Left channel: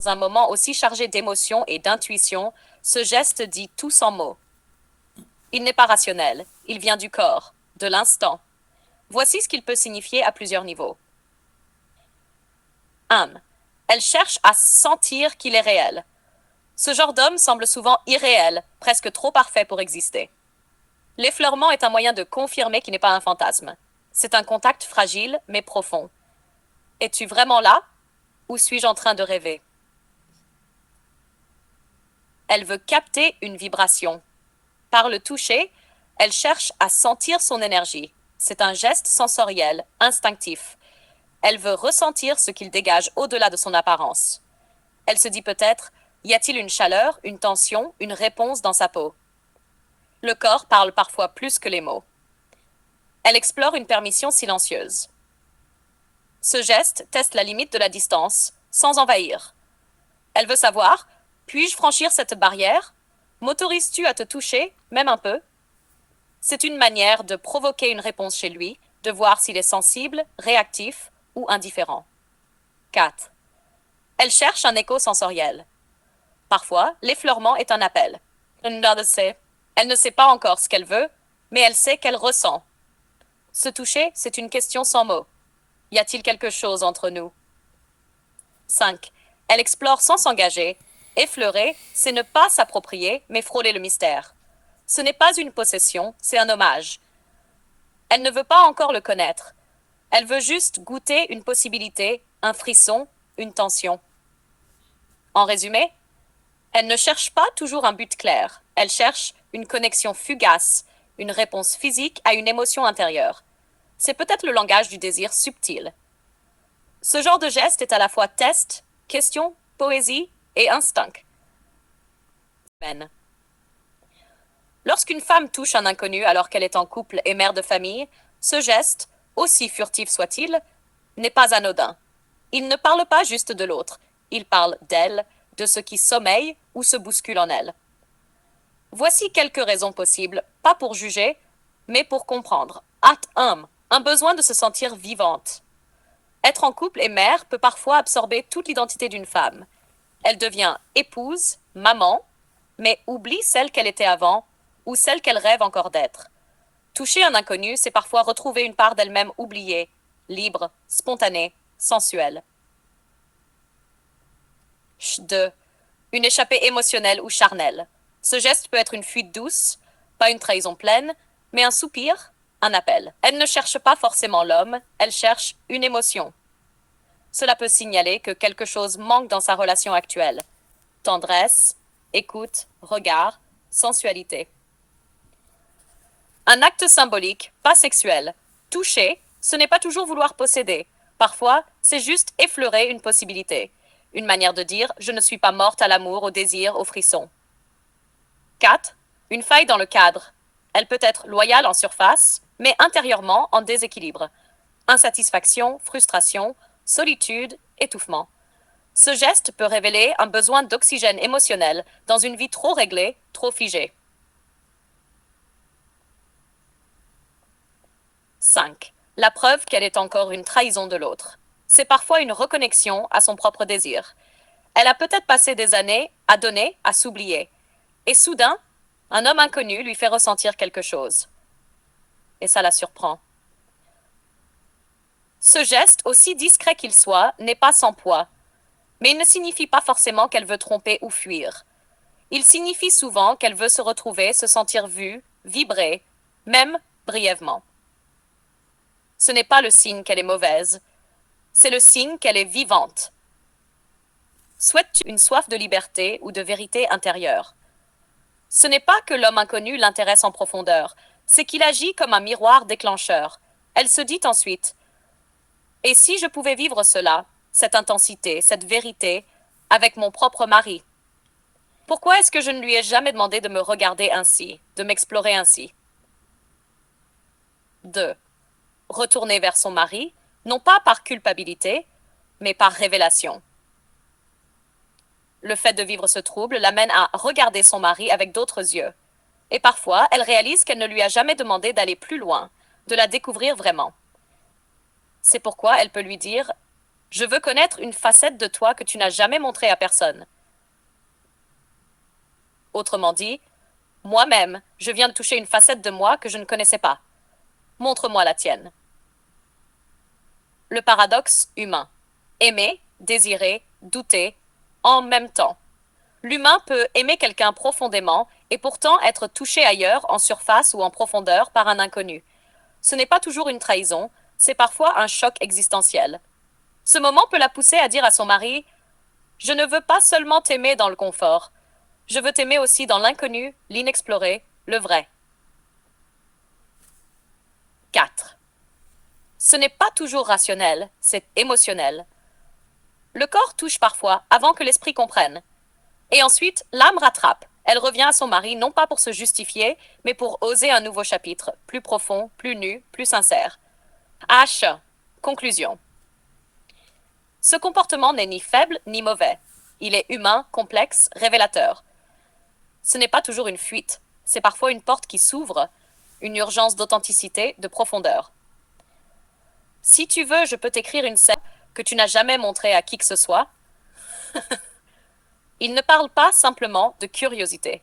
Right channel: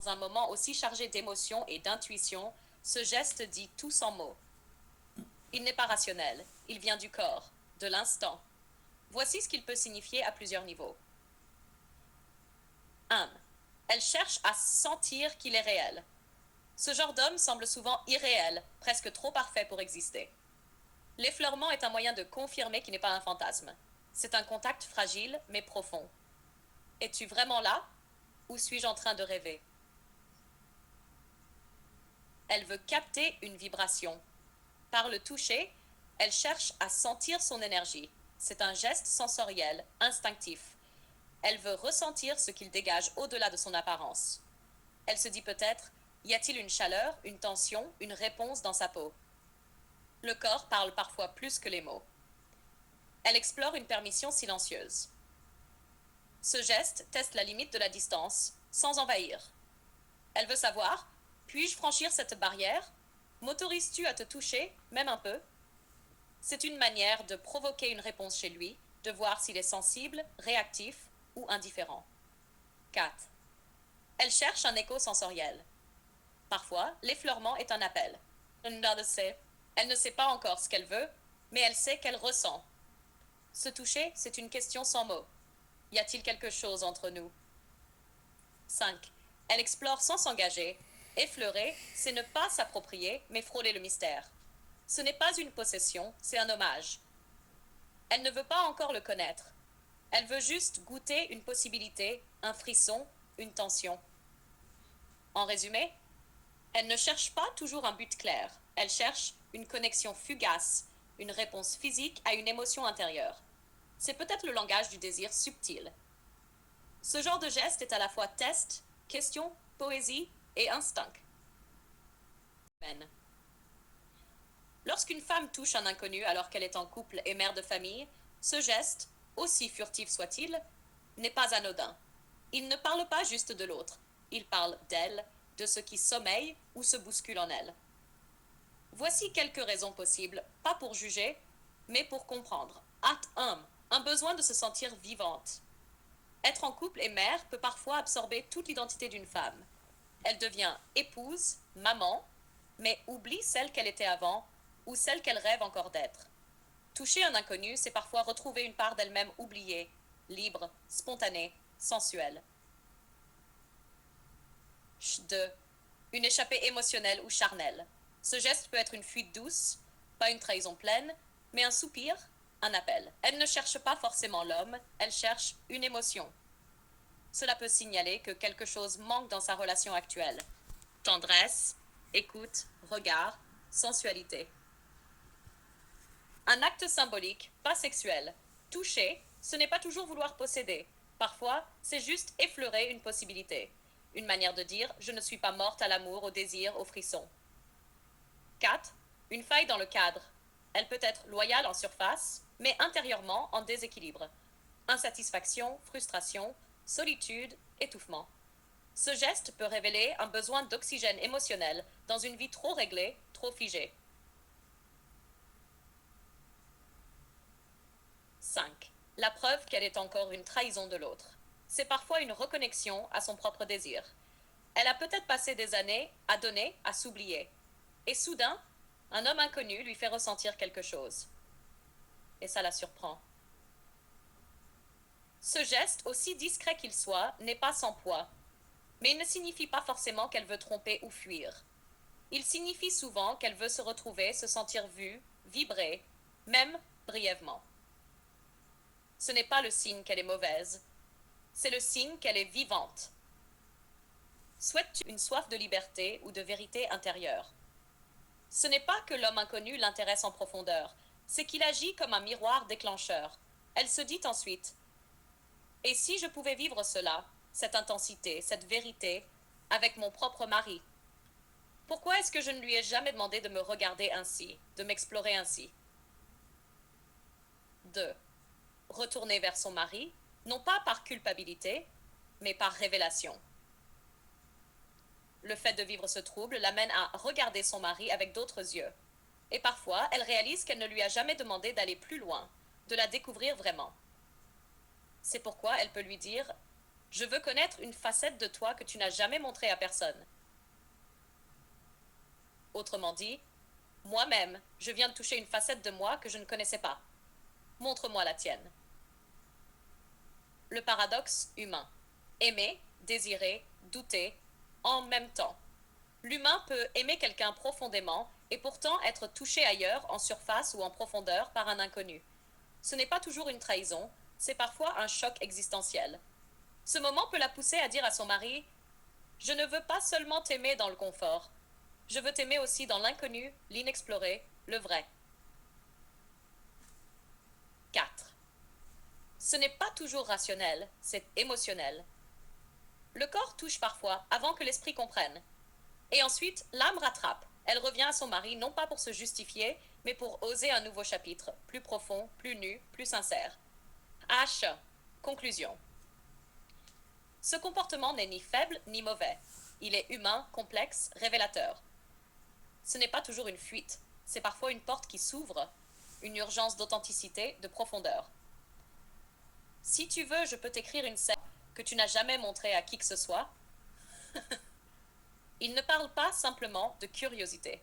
Dans un moment aussi chargé d'émotions et d'intuition, ce geste dit tout sans mots. Il n'est pas rationnel, il vient du corps, de l'instant. Voici ce qu'il peut signifier à plusieurs niveaux. 1. Elle cherche à sentir qu'il est réel. Ce genre d'homme semble souvent irréel, presque trop parfait pour exister. L'effleurement est un moyen de confirmer qu'il n'est pas un fantasme. C'est un contact fragile, mais profond. Es-tu vraiment là, ou suis-je en train de rêver? Elle veut capter une vibration. Par le toucher, elle cherche à sentir son énergie. C'est un geste sensoriel, instinctif. Elle veut ressentir ce qu'il dégage au-delà de son apparence. Elle se dit peut-être, y a-t-il une chaleur, une tension, une réponse dans sa peau? Le corps parle parfois plus que les mots. Elle explore une permission silencieuse. Ce geste teste la limite de la distance, sans envahir. Elle veut savoir, puis-je franchir cette barrière? M'autorises-tu à te toucher, même un peu? C'est une manière de provoquer une réponse chez lui, de voir s'il est sensible, réactif ou indifférent. 4. Elle cherche un écho sensoriel. Parfois, l'effleurement est un appel. Elle ne sait pas encore ce qu'elle veut, mais elle sait qu'elle ressent. Se toucher, c'est une question sans mots. Y a-t-il quelque chose entre nous? 5. Elle explore sans s'engager. Effleurer, c'est ne pas s'approprier, mais frôler le mystère. Ce n'est pas une possession, c'est un hommage. Elle ne veut pas encore le connaître. Elle veut juste goûter une possibilité, un frisson, une tension. En résumé, elle ne cherche pas toujours un but clair. Elle cherche une connexion fugace, une réponse physique à une émotion intérieure. C'est peut-être le langage du désir subtil. Ce genre de geste est à la fois test, question, poésie et instinct. Lorsqu'une femme touche un inconnu alors qu'elle est en couple et mère de famille, ce geste, aussi furtif soit-il, n'est pas anodin. Il ne parle pas juste de l'autre, il parle d'elle, de ce qui sommeille ou se bouscule en elle. Voici quelques raisons possibles, pas pour juger, mais pour comprendre. At 1, un besoin de se sentir vivante. Être en couple et mère peut parfois absorber toute l'identité d'une femme. Elle devient épouse, maman, mais oublie celle qu'elle était avant ou celle qu'elle rêve encore d'être. Toucher un inconnu, c'est parfois retrouver une part d'elle-même oubliée, libre, spontanée, sensuelle. 2. Une échappée émotionnelle ou charnelle. Ce geste peut être une fuite douce, pas une trahison pleine, mais un soupir, un appel. Elle ne cherche pas forcément l'homme, elle cherche une émotion. Cela peut signaler que quelque chose manque dans sa relation actuelle. Tendresse, écoute, regard, sensualité. Un acte symbolique, pas sexuel. Toucher, ce n'est pas toujours vouloir posséder. Parfois, c'est juste effleurer une possibilité. Une manière de dire je ne suis pas morte à l'amour, au désir, au frisson. 4. Une faille dans le cadre. Elle peut être loyale en surface, mais intérieurement en déséquilibre. Insatisfaction, frustration, solitude, étouffement. Ce geste peut révéler un besoin d'oxygène émotionnel dans une vie trop réglée, trop figée. 5. La preuve qu'elle est encore une trahison de l'autre. C'est parfois une reconnexion à son propre désir. Elle a peut-être passé des années à donner, à s'oublier. Et soudain, un homme inconnu lui fait ressentir quelque chose. Et ça la surprend. Ce geste, aussi discret qu'il soit, n'est pas sans poids. Mais il ne signifie pas forcément qu'elle veut tromper ou fuir. Il signifie souvent qu'elle veut se retrouver, se sentir vue, vibrer, même brièvement. Ce n'est pas le signe qu'elle est mauvaise, c'est le signe qu'elle est vivante. Souhaites-tu une soif de liberté ou de vérité intérieure? Ce n'est pas que l'homme inconnu l'intéresse en profondeur, c'est qu'il agit comme un miroir déclencheur. Elle se dit ensuite, et si je pouvais vivre cela, cette intensité, cette vérité, avec mon propre mari? Pourquoi est-ce que je ne lui ai jamais demandé de me regarder ainsi, de m'explorer ainsi? 2. Retourner vers son mari, non pas par culpabilité, mais par révélation. Le fait de vivre ce trouble l'amène à regarder son mari avec d'autres yeux. Et parfois, elle réalise qu'elle ne lui a jamais demandé d'aller plus loin, de la découvrir vraiment. C'est pourquoi elle peut lui dire Je veux connaître une facette de toi que tu n'as jamais montrée à personne. Autrement dit, moi-même, je viens de toucher une facette de moi que je ne connaissais pas. Montre-moi la tienne. Le paradoxe humain. Aimer, désirer, douter, en même temps. L'humain peut aimer quelqu'un profondément et pourtant être touché ailleurs, en surface ou en profondeur, par un inconnu. Ce n'est pas toujours une trahison, c'est parfois un choc existentiel. Ce moment peut la pousser à dire à son mari: je ne veux pas seulement t'aimer dans le confort, je veux t'aimer aussi dans l'inconnu, l'inexploré, le vrai. 4. Ce n'est pas toujours rationnel, c'est émotionnel. Le corps touche parfois avant que l'esprit comprenne. Et ensuite, l'âme rattrape. Elle revient à son mari non pas pour se justifier, mais pour oser un nouveau chapitre, plus profond, plus nu, plus sincère. H. Conclusion. Ce comportement n'est ni faible ni mauvais. Il est humain, complexe, révélateur. Ce n'est pas toujours une fuite, c'est parfois une porte qui s'ouvre, une urgence d'authenticité, de profondeur. Si tu veux, je peux t'écrire une scène que tu n'as jamais montrée à qui que ce soit. Il ne parle pas simplement de curiosité.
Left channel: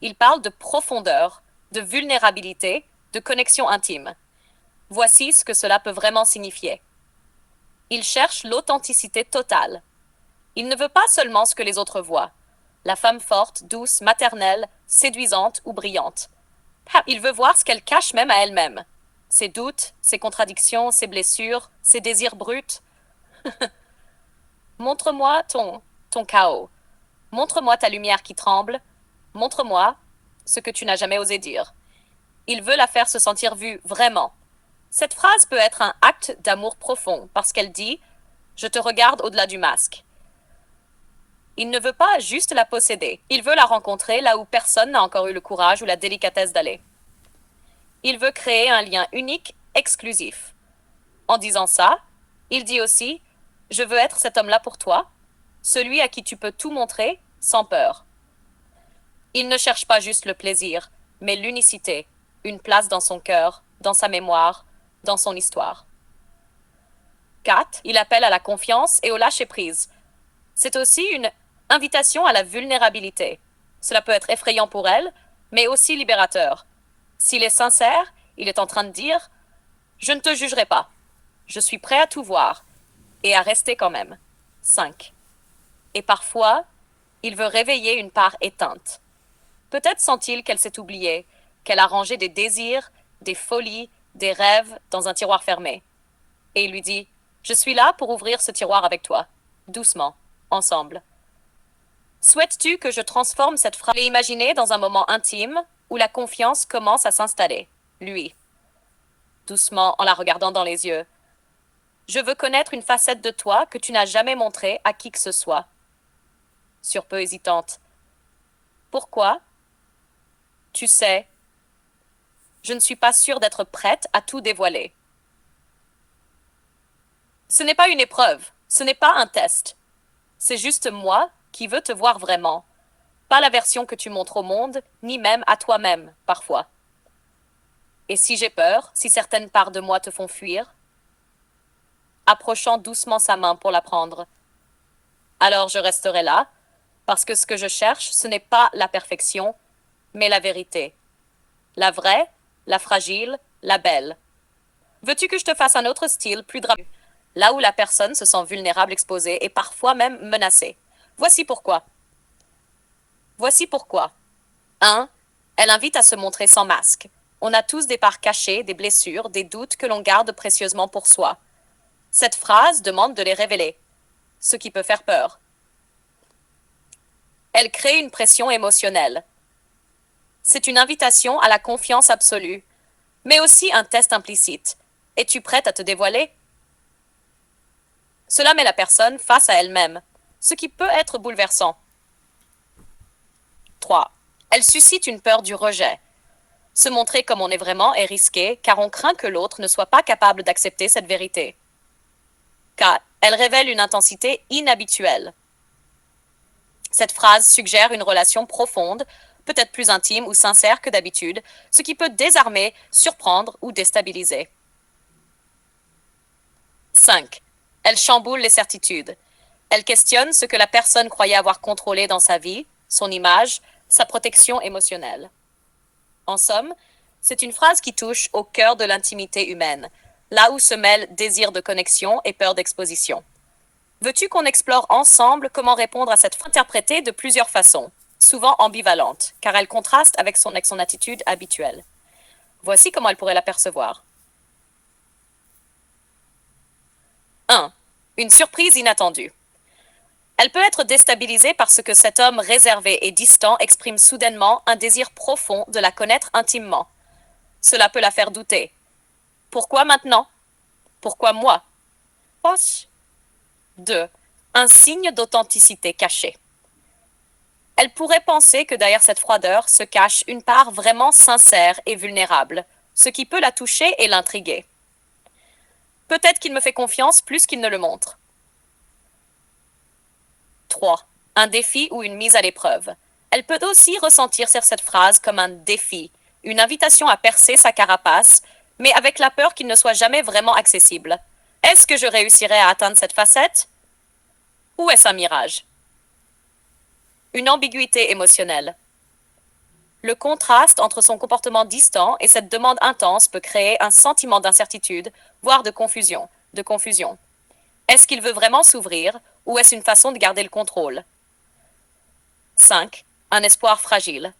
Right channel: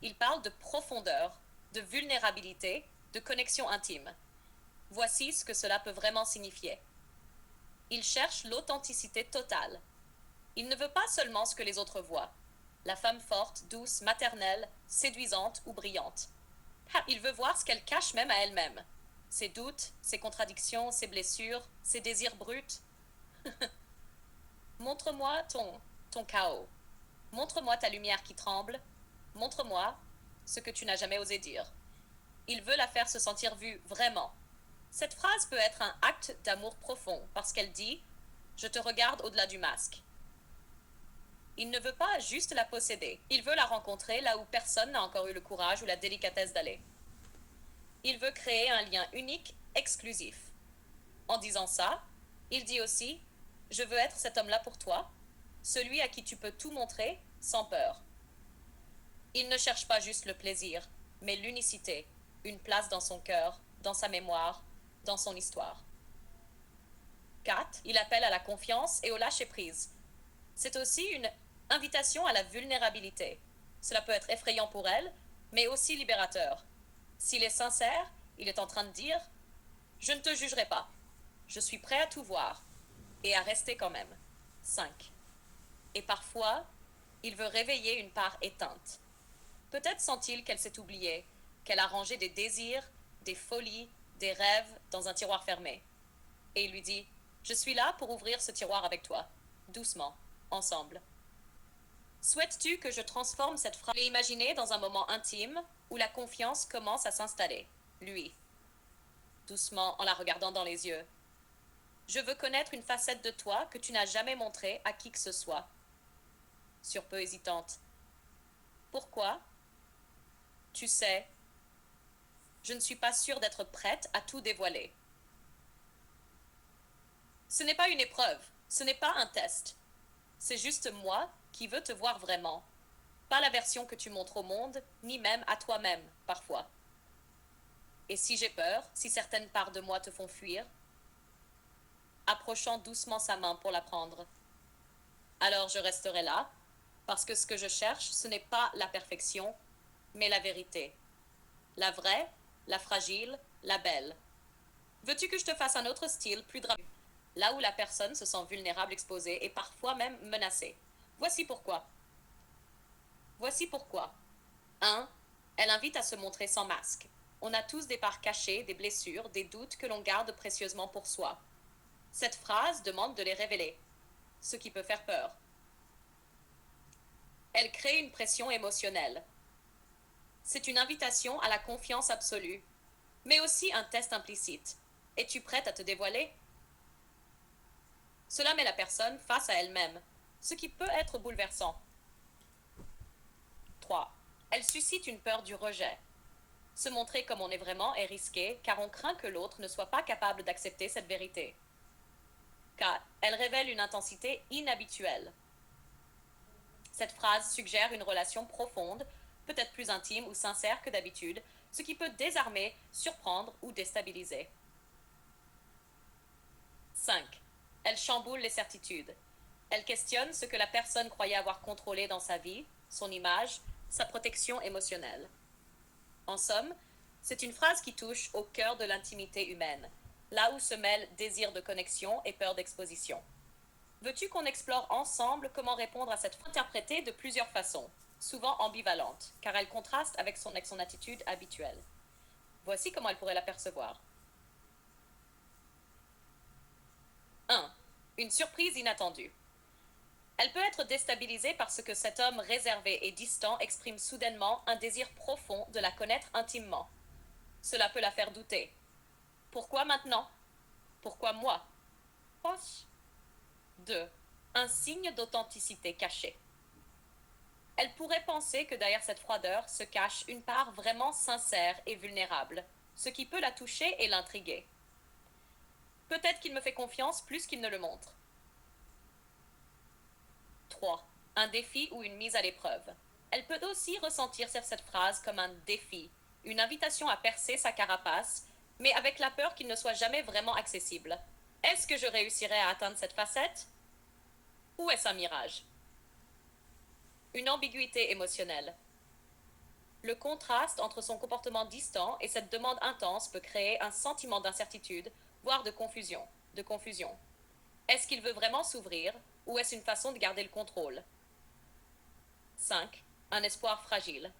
Il parle de profondeur, de vulnérabilité, de connexion intime. Voici ce que cela peut vraiment signifier. Il cherche l'authenticité totale. Il ne veut pas seulement ce que les autres voient. La femme forte, douce, maternelle, séduisante ou brillante. Il veut voir ce qu'elle cache même à elle-même. Ses doutes, ses contradictions, ses blessures, ses désirs bruts. Montre-moi ton chaos. Montre-moi ta lumière qui tremble. Montre-moi ce que tu n'as jamais osé dire. Il veut la faire se sentir vue vraiment. Cette phrase peut être un acte d'amour profond parce qu'elle dit: je te regarde au-delà du masque. Il ne veut pas juste la posséder. Il veut la rencontrer là où personne n'a encore eu le courage ou la délicatesse d'aller. Il veut créer un lien unique, exclusif. En disant ça, il dit aussi: je veux être cet homme-là pour toi, celui à qui tu peux tout montrer sans peur. Il ne cherche pas juste le plaisir, mais l'unicité, une place dans son cœur, dans sa mémoire, dans son histoire. 4. Il appelle à la confiance et au lâcher-prise. C'est aussi une invitation à la vulnérabilité. Cela peut être effrayant pour elle, mais aussi libérateur. S'il est sincère, il est en train de dire: je ne te jugerai pas. Je suis prêt à tout voir et à rester quand même. 5. Et parfois, il veut réveiller une part éteinte. Peut-être sent-il qu'elle s'est oubliée, qu'elle a rangé des désirs, des folies, des rêves dans un tiroir fermé. Et il lui dit: je suis là pour ouvrir ce tiroir avec toi, doucement, ensemble. Souhaites-tu que je transforme cette phrase et imaginer dans un moment intime où la confiance commence à s'installer, lui, doucement en la regardant dans les yeux. Je veux connaître une facette de toi que tu n'as jamais montrée à qui que ce soit. Sur peu hésitante. Pourquoi? Tu sais, je ne suis pas sûre d'être prête à tout dévoiler. Ce n'est pas une épreuve, ce n'est pas un test. C'est juste moi qui veux te voir vraiment. Pas la version que tu montres au monde, ni même à toi-même, parfois. Et si j'ai peur, si certaines parts de moi te font fuir, approchant doucement sa main pour la prendre, alors je resterai là, parce que ce que je cherche, ce n'est pas la perfection, mais la vérité. La vraie, la fragile, la belle. Veux-tu que je te fasse un autre style, plus dramatique, là où la personne se sent vulnérable, exposée et parfois même menacée? Voici pourquoi. Voici pourquoi. 1. Elle invite à se montrer sans masque. On a tous des parts cachées, des blessures, des doutes que l'on garde précieusement pour soi. Cette phrase demande de les révéler, ce qui peut faire peur. Elle crée une pression émotionnelle. C'est une invitation à la confiance absolue, mais aussi un test implicite. Es-tu prête à te dévoiler? Cela met la personne face à elle-même, ce qui peut être bouleversant. 3. Elle suscite une peur du rejet. Se montrer comme on est vraiment est risqué, car on craint que l'autre ne soit pas capable d'accepter cette vérité. 4. Elle révèle une intensité inhabituelle. Cette phrase suggère une relation profonde, peut-être plus intime ou sincère que d'habitude, ce qui peut désarmer, surprendre ou déstabiliser. 5. Elle chamboule les certitudes. Elle questionne ce que la personne croyait avoir contrôlé dans sa vie, son image, sa protection émotionnelle. En somme, c'est une phrase qui touche au cœur de l'intimité humaine, là où se mêlent désir de connexion et peur d'exposition. Veux-tu qu'on explore ensemble comment répondre à cette phrase interprétée de plusieurs façons, souvent ambivalente, car elle contraste avec son attitude habituelle. Voici comment elle pourrait l'apercevoir. 1. Une surprise inattendue. Elle peut être déstabilisée parce que cet homme réservé et distant exprime soudainement un désir profond de la connaître intimement. Cela peut la faire douter. Pourquoi maintenant? Pourquoi moi? Proche. 2. Un signe d'authenticité cachée. Elle pourrait penser que derrière cette froideur se cache une part vraiment sincère et vulnérable, ce qui peut la toucher et l'intriguer. Peut-être qu'il me fait confiance plus qu'il ne le montre. 3. Un défi ou une mise à l'épreuve. Elle peut aussi ressentir cette phrase comme un défi, une invitation à percer sa carapace, mais avec la peur qu'il ne soit jamais vraiment accessible. Est-ce que je réussirai à atteindre cette facette? Ou est-ce un mirage? Une ambiguïté émotionnelle. Le contraste entre son comportement distant et cette demande intense peut créer un sentiment d'incertitude, voire de confusion. Est-ce qu'il veut vraiment s'ouvrir ou est-ce une façon de garder le contrôle? 5. Un espoir fragile.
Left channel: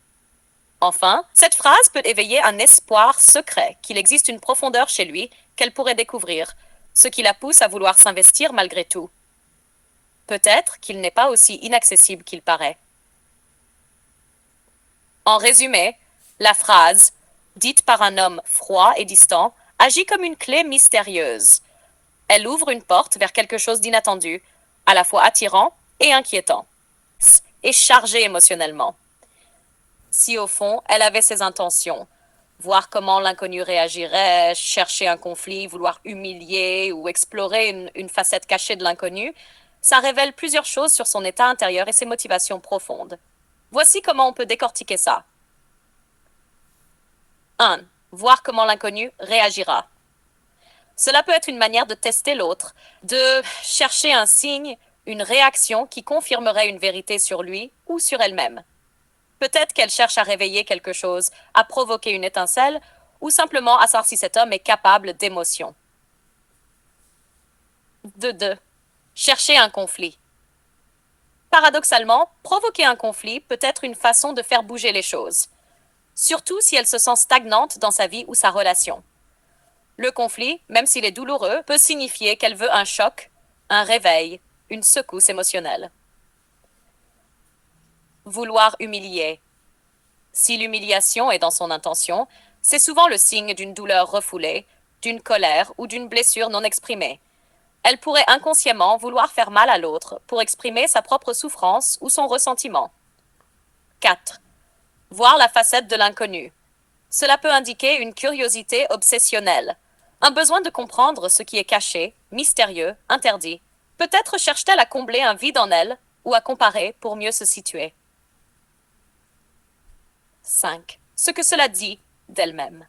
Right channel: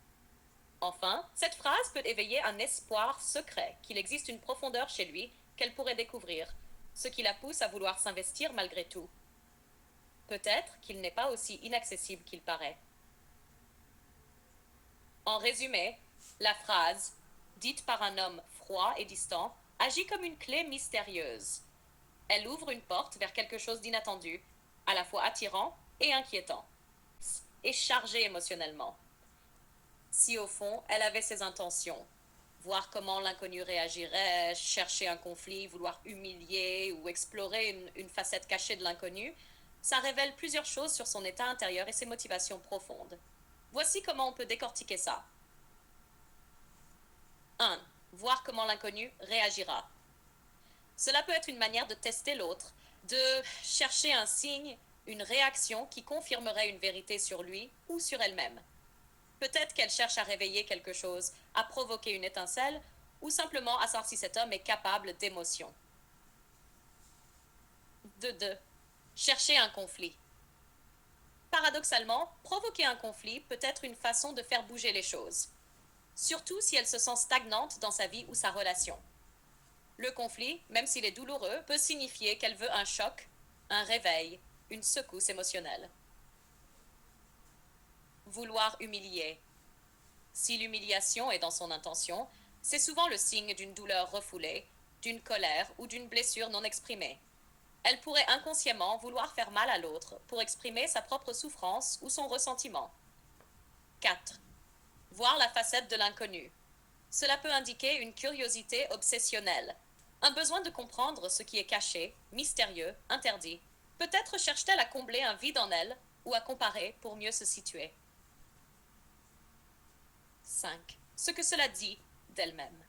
Enfin, cette phrase peut éveiller un espoir secret, qu'il existe une profondeur chez lui qu'elle pourrait découvrir, ce qui la pousse à vouloir s'investir malgré tout. Peut-être qu'il n'est pas aussi inaccessible qu'il paraît. En résumé, la phrase, dite par un homme froid et distant, agit comme une clé mystérieuse. Elle ouvre une porte vers quelque chose d'inattendu, à la fois attirant et inquiétant, et chargé émotionnellement. Si au fond, elle avait ses intentions, voir comment l'inconnu réagirait, chercher un conflit, vouloir humilier ou explorer une facette cachée de l'inconnu, ça révèle plusieurs choses sur son état intérieur et ses motivations profondes. Voici comment on peut décortiquer ça. 1. Voir comment l'inconnu réagira. Cela peut être une manière de tester l'autre, de chercher un signe, une réaction qui confirmerait une vérité sur lui ou sur elle-même. Peut-être qu'elle cherche à réveiller quelque chose, à provoquer une étincelle, ou simplement à savoir si cet homme est capable d'émotion. 2. Chercher un conflit. Paradoxalement, provoquer un conflit peut être une façon de faire bouger les choses, surtout si elle se sent stagnante dans sa vie ou sa relation. Le conflit, même s'il est douloureux, peut signifier qu'elle veut un choc, un réveil, une secousse émotionnelle. Vouloir humilier. Si l'humiliation est dans son intention, c'est souvent le signe d'une douleur refoulée, d'une colère ou d'une blessure non exprimée. Elle pourrait inconsciemment vouloir faire mal à l'autre pour exprimer sa propre souffrance ou son ressentiment. 4. Voir la facette de l'inconnu. Cela peut indiquer une curiosité obsessionnelle, un besoin de comprendre ce qui est caché, mystérieux, interdit. Peut-être cherche-t-elle à combler un vide en elle ou à comparer pour mieux se situer. 5. Ce que cela dit d'elle-même.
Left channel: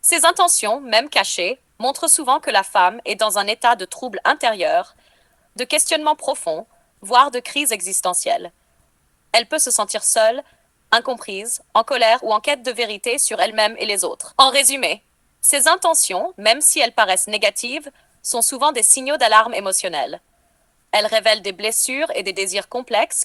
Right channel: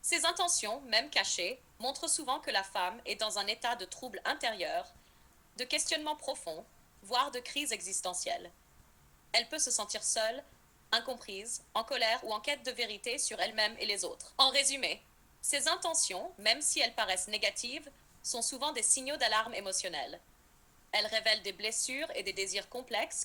Ses intentions, même cachées, montrent souvent que la femme est dans un état de trouble intérieur, de questionnement profond, voire de crise existentielle. Elle peut se sentir seule, incomprise, en colère ou en quête de vérité sur elle-même et les autres. En résumé, ses intentions, même si elles paraissent négatives, sont souvent des signaux d'alarme émotionnelle. Elles révèlent des blessures et des désirs complexes